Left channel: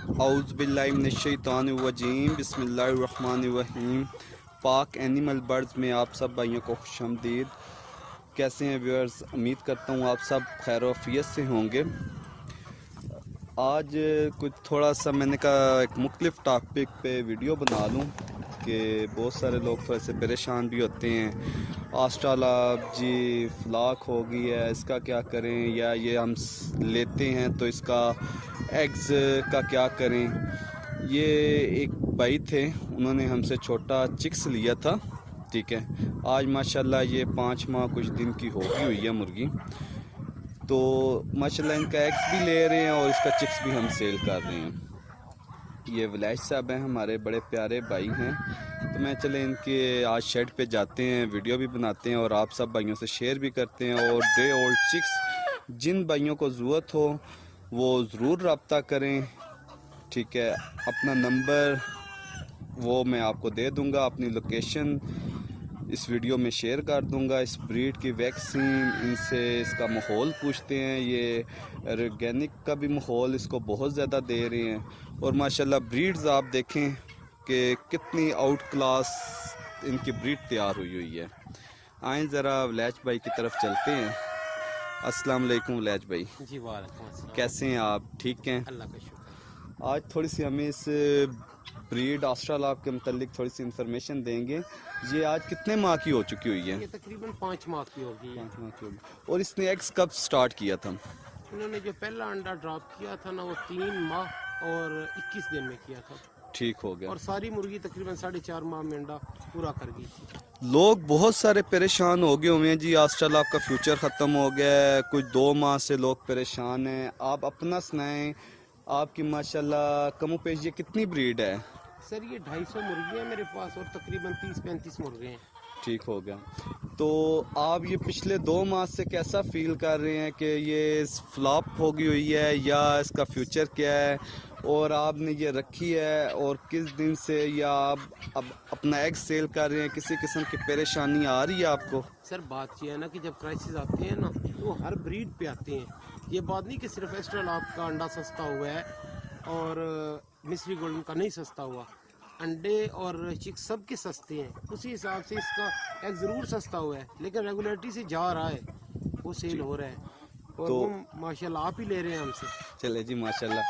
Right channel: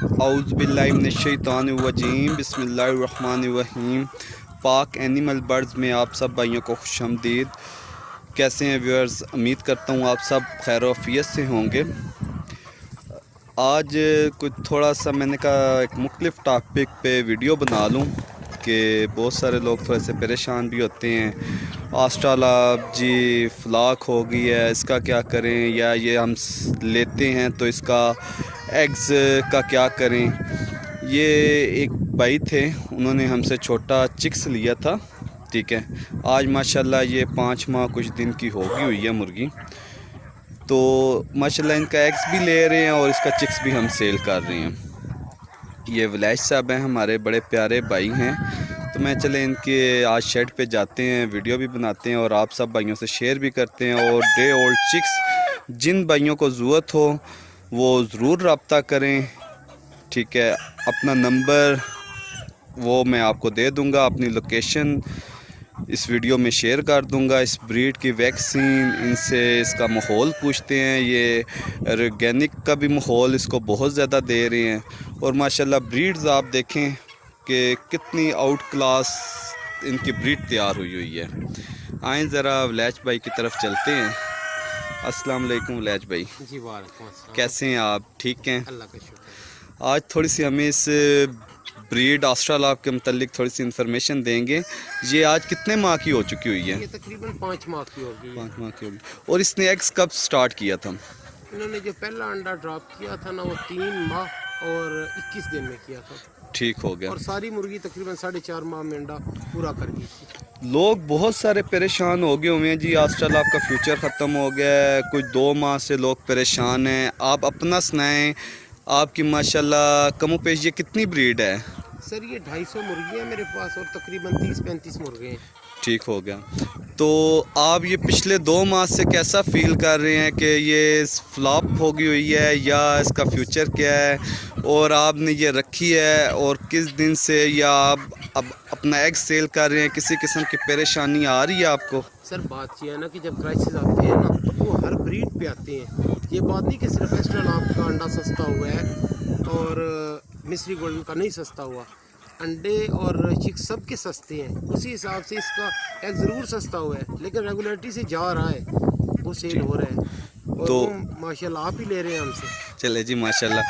औज़ुबिल्लाहिमिनश्शैतानिर्रजीम बिस्मिल्लाहिर्रहमानिर्रहीम। पाक animal birds में आप सब भाइयों को खुशामदीद। कैसे हैं व्यूअर्स? उम्मीद करता हूँ आप सब खैर आफियत से होंगे। आज कुछ थोड़ा सा मैंने कहा एक मुख्तलिफ टॉपिक पे वीडियो बना लूँ कि बहुत सारे लोग थोड़े से परेशान भी होते हैं। ऑस्ट्रेलाब जी फ्लाक हो गई है, इसका क्या करें, या ये हम लेते हैं तो इसका एग्स का क्या करें। ये एक भाई थे, उन्होंने हमसे छोटा चिक्स लिया था, ठीक है। आज माशाल्लाह ये 5 माह कुछ दिन की होगी हुई है मुर्गी, तो माशाल्लाह इनका एग्स भी ले रहे हैं और इसका चिक्स भी हम सेल कर रहे हैं। ये विलाज साहब हैं, हमारे बड़े प्यारे भाई हैं। तो मैं चले इनके आज शेड पे जाते हैं, वीडियो भी बनाते हैं और आप सब भाइयों से शेयर भी करते हैं। और डे ओल्ड चिक्स जिन भाइयों को ज़रूरत हो वो ज़रूर रब्ता करें, ठीक है। अपना नंबर वो मैं आपको दे दूंगा, अपनी लोकेशन इस वीडियो में शेयर कर दूंगा। इस ब्रीड की वैक्सीन, इनसे इसका माहौल पूछते हैं। ये ऑर्गेनिक का भी माहौल इसको बहुत ज़्यादा दे रहे हैं। और माशाल्लाह ब्रीड्स आप देखें कि कितनी आउट क्लास इनकी ब्रीड तैयार हुई है। आएँ ज़रा वलैज भाई की तरफ चलते हैं। अस्सलाम वालेकुम वलैज भाई। जी वालेकुम अस्सलाम। कैसे हैं आप? ठीक हैं? अल्लाह का शुक्र। आज थोड़ी सी हमें इस ब्रीड ऑस्ट्रेलाब के मतलब थोड़ी सी इन्फॉर्मेशन देंगे। ये आज कितने माह की हो चुकी हुई है? ये तकरीबन 5 माह की होगी। 5 माह की होगी। और इसने एग्स कब स्टार्ट किया था? इन्होंने जो पहला अंडा ड्रॉप किया था ना, वो 3 माह और 21 दिन में किया था। ठीक हो गया। और सारी मुर्गी तकरीबन 4.5 माह में अंडा पूरा कर गई थी। लोग बहुत सारे परेशान हो गए हुए हैं जी, ऑस्ट्रेलाब का फ्यूचर ख़त्म हो गया है। कुछ 2 माह से लोग परेशान हैं। आप अपना सुनाएं, आपकी माशाल्लाह कमो पेश ये कितनी ब्रीड है? सर ये 250 मुर्गियाँ मेरे पास और तकरीबन 30-35 मुर्गे हैं। ठीक हो गया। तो आप ये पिछले 2 माह से कैसा फील कर रहे हैं कि ये फ्लॉप हो गई हुई है या इसका फ्यूचर क्या है, और आपने ये रखी है और किस दिन से, या आप अब अपना एग सेल कर रहे हैं, किसी किस्म की परेशानी आ रही है आपको? सर बात यह है ना कि जब क्राइसिस आते हैं ना तो वो हर ब्रीड पे आते हैं। ये बात नहीं कि सिर्फ ऑस्ट्रेलाब का अंडा सस्ता हुआ है और मिस्री गोल्डन का नहीं सस्ता हुआ। अंडे और चिक्स सब के सस्ते हैं, उसी हिसाब से इसका एग ज़रूर सस्ता हुआ है, लेकिन रेगुलरिटी से जा रहा है, वो सेल हो रहा है। और तो वो माशाल्लाह आप ही ले रहे हैं हमसे। चले जी माशाल्लाह।